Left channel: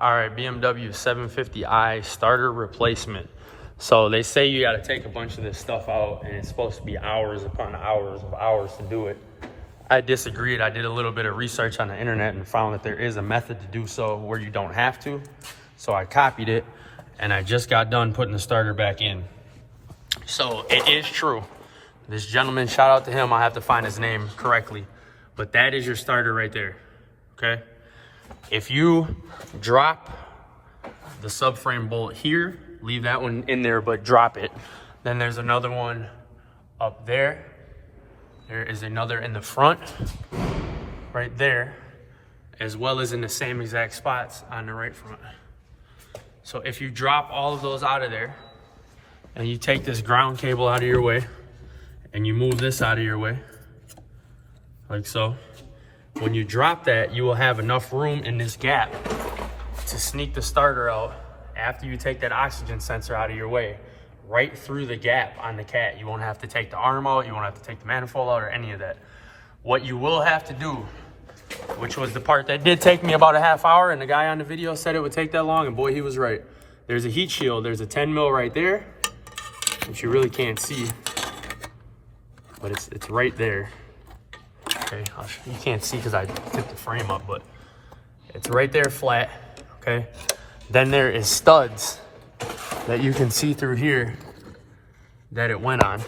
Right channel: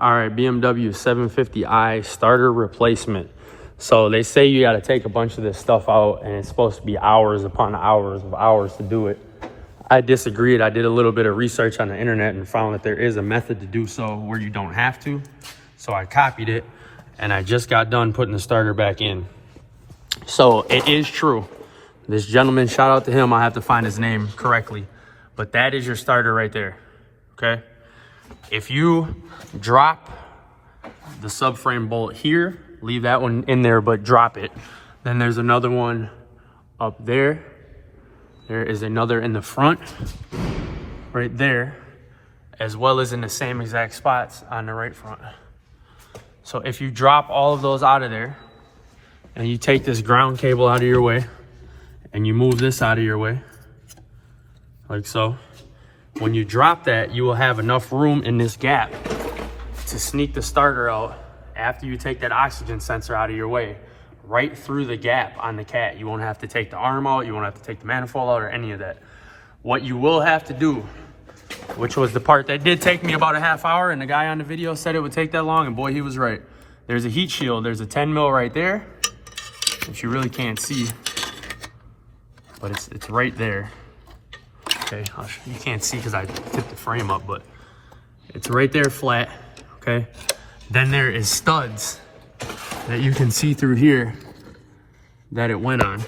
All right, BMW 750i starter replacement. So they say you got to take a bunch of this stuff out, and it's supposed to be hours upon hours of hours to do it. I disagreed. I did a little bit of research on the internet and found that there is a method to do so where you don't have to. So I copied it, and I just got done putting the starter back in. So it is true. This gentleman, shout out to him. I have to find his name correctly, but that is your starter right there, okay? If you drop the subframe bolt here, leave that one in there, but drop it. Then there's another one up there. There is another in the front, right there, as well as in the same exact spots on the right front. So if you drop all of those out of there, and you take this ground cable out of your way, and you move this out of your way, like so, when you drop that, you will have enough room in this gap to sneak the starter out after you take that oxygen sensor out of your way, right through the gap on the cat. You won't have to take the arm out, you won't have to take the manifold out or any of that. What you will have to do, which was the part that did take me about a half hour, and the guy on the video said it would take that long, and boy, he was right. There's a heat shield, there's a 10 mil right there, which you really can't see, but it's right there. Okay, you can't see because I tipped the frame up, but it's right there flat, okay? Then there is studs that you can see through here that it went on.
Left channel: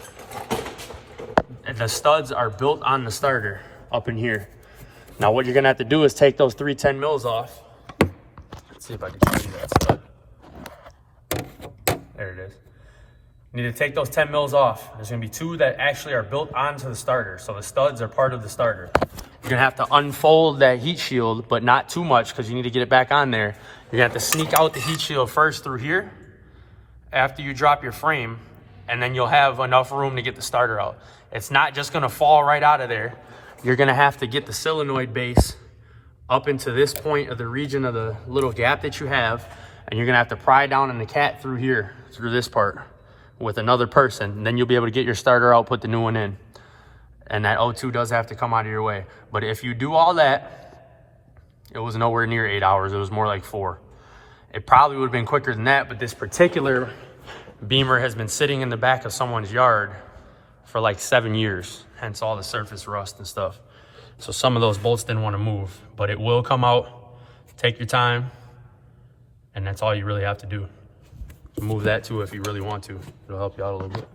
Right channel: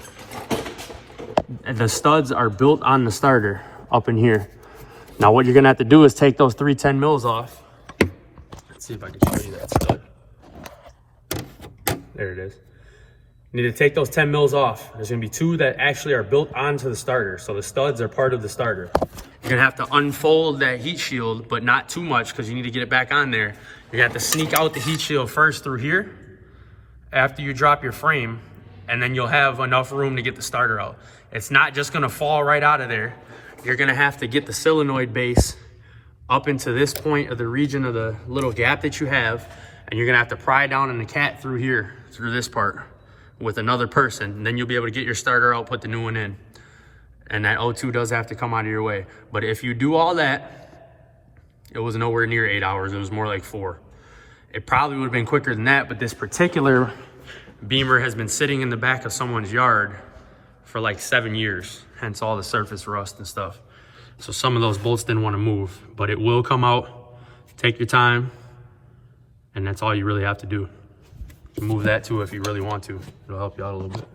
And the studs are built on the starter up in here. Now what you're gonna have to do is take those 3 10 mils off. Let's see if I can show you that stud. There it is. You need to take those 10 mils off. There's gonna be 2 that actually are built onto the starter. So the studs are part of the starter. You're gonna have to unfold that heat shield, but not too much because you need to get it back on there. You're gonna have to sneak out the heat shield first through here after you drop your frame, and then you'll have enough room to get the starter out. It's not just gonna fall right out of there. You're gonna have to get the solenoid base up into this point of the region of the little gap that you have, and you're gonna have to pry down on the cat through here, through this part, with another person. Then you'll be able to get your starter out, put the new one in. And that O2 does have to come out of your way. But if you do all that, it was nowhere near 8 hours. It was more like 4. It probably would have been quicker than that, but this particular Beamer has been sitting in the back of someone's yard for like 7 years, hence all the surface rust and stuff. So some of those bolts didn't want to move, but it will come out. Take your time, and that's all you really have to do. Move that too if you really want to. It'll help you out a little bit.